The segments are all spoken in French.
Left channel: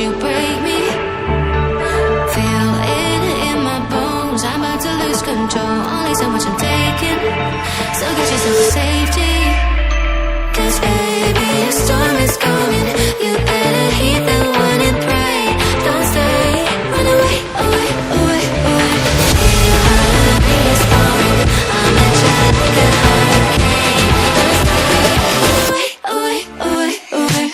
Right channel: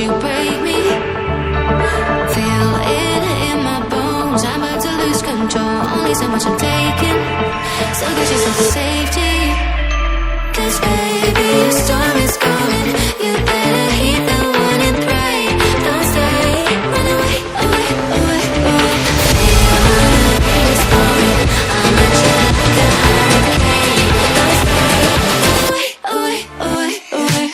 you break me? Feel it in my bones, I'm about to lose control. Only so much I'm taking, so get yourself to safety. Cause baby, a storm is coming. You better heed the one and pray. Don't stay, run away, away, away, away. Feel how the rain is pouring. I'm at you like a hurricane. Don't stay, run away, away, away, away.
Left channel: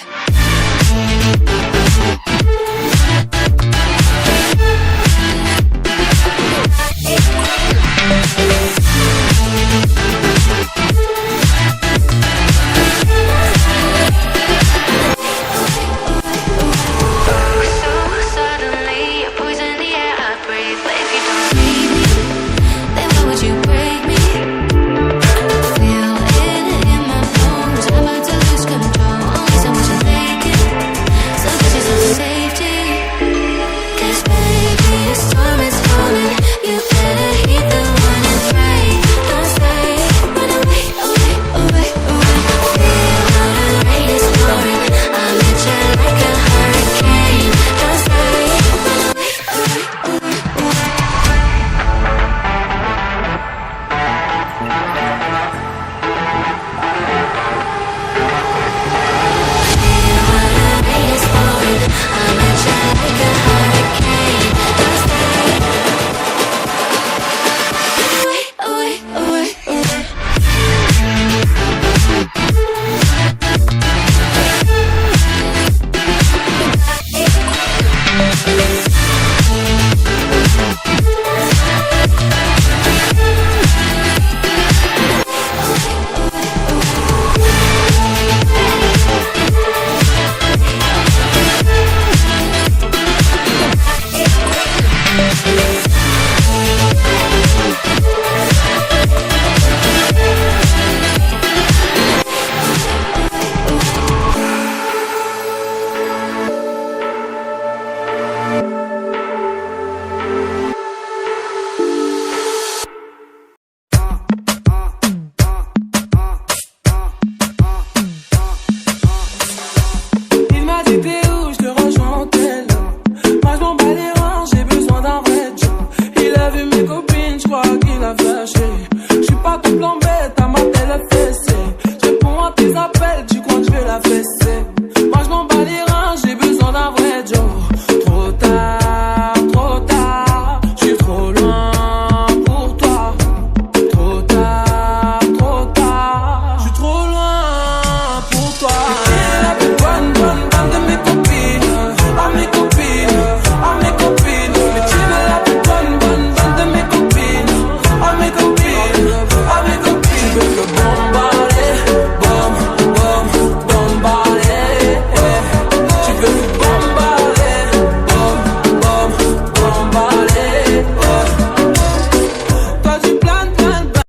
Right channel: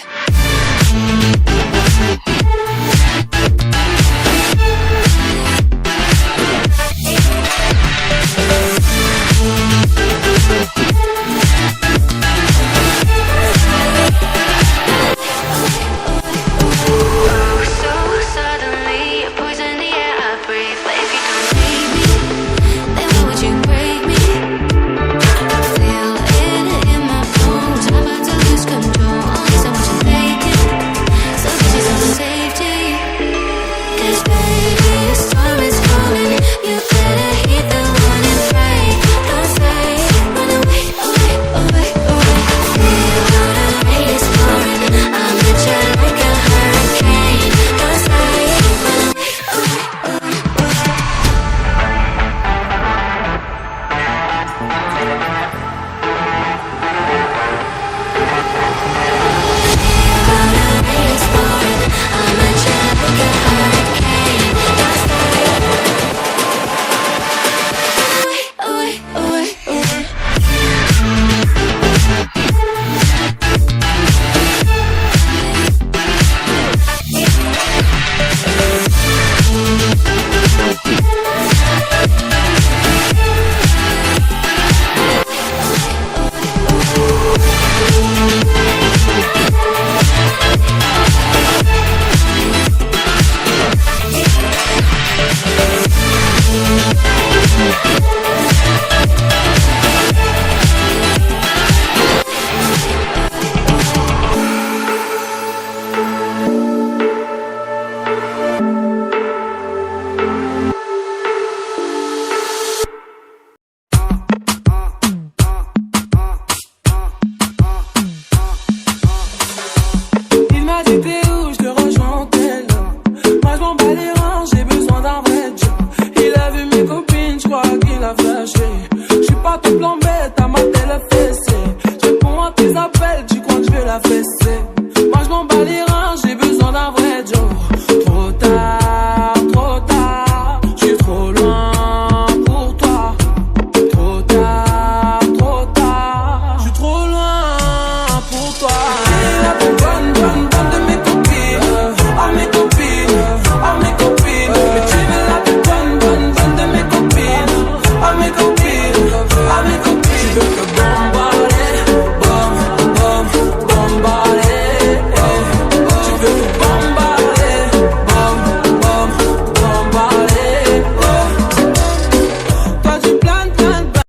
Moi je m'en bats les reins.